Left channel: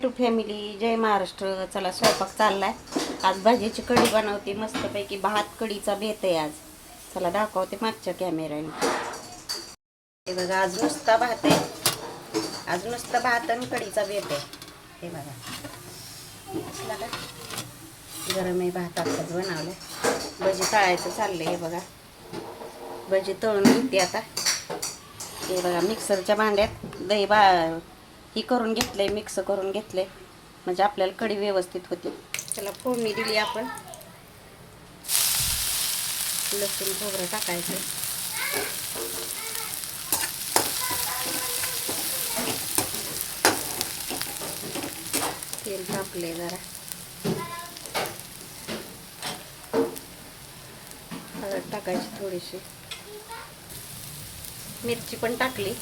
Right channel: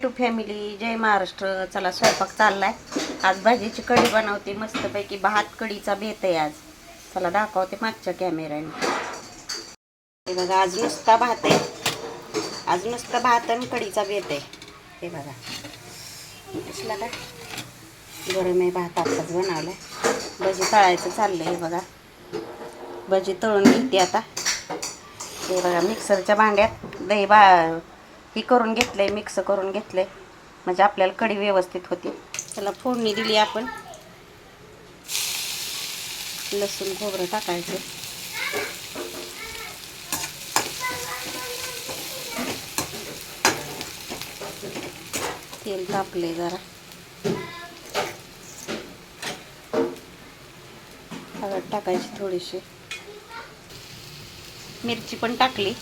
To family, जय महाराष्ट्र. चला स्वयंपाक चाललाय. आज भाजीची कढी बनवते मस्तपैकी. भात कढीचा बेत आहे आज. चला दाखवते मागच्या कॅमेऱ्याने. हे बघा, आज नुसता भात आहे. आज नुसता भात आणि कढीचा बेत आहे. हे बघा कसला काय गरम आहे. भात आताच बनवलाय. भजी तळायचं चाललंय. हे बघा भजी तळून घेते आता. हे बघा मिक्सरच्या भांड्यात दही ही करून घेतलंय, मिक्स करून घेतलंय म्हणजे आपल्याला कढी व्यवस्थित होते. त्याला फोडणी दिली आपण. लसूण खोबरं टाकायचं. तेल तापले जरा. हळद टाकायची थोडीशी. मिरची पण टाकली.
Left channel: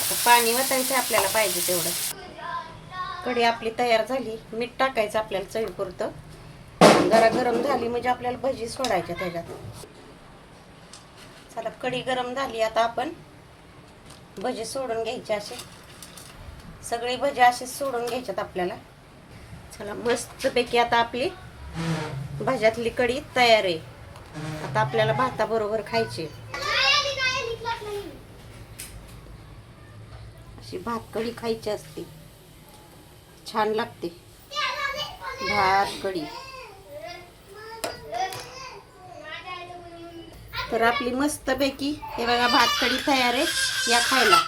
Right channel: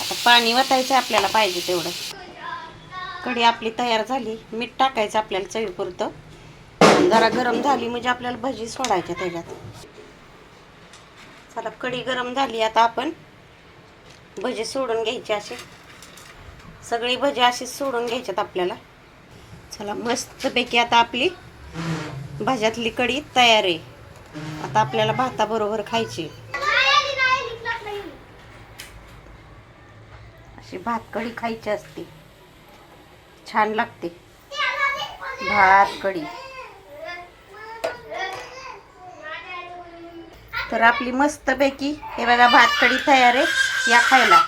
आता पाणी वतायचं आपल्याला पाहिजे तेवढं. कढी आपली तयार झाली. मीठ टाकायचं आपल्याला चवीपुरतं. जरा गरम झाली म्हणजे आपल्याला भजी सोडायच्या त्याच्यात. चला कढी गरम झाली. आता आपण भजी सोडून घ्यायची. असे सगळी भजी अशीच सोडून घ्यायच्यात आपल्याला. चला मस्तपैकी आता आपली भज्यातली कढी तयार आहे. आता आपल्याला भाताबरोबर खायची. अशी भात कढी खायची असते. छान लागते भात कढी. तर आपली मस्तपैकी हे बघा भात कढी तयार आहे. या खायला.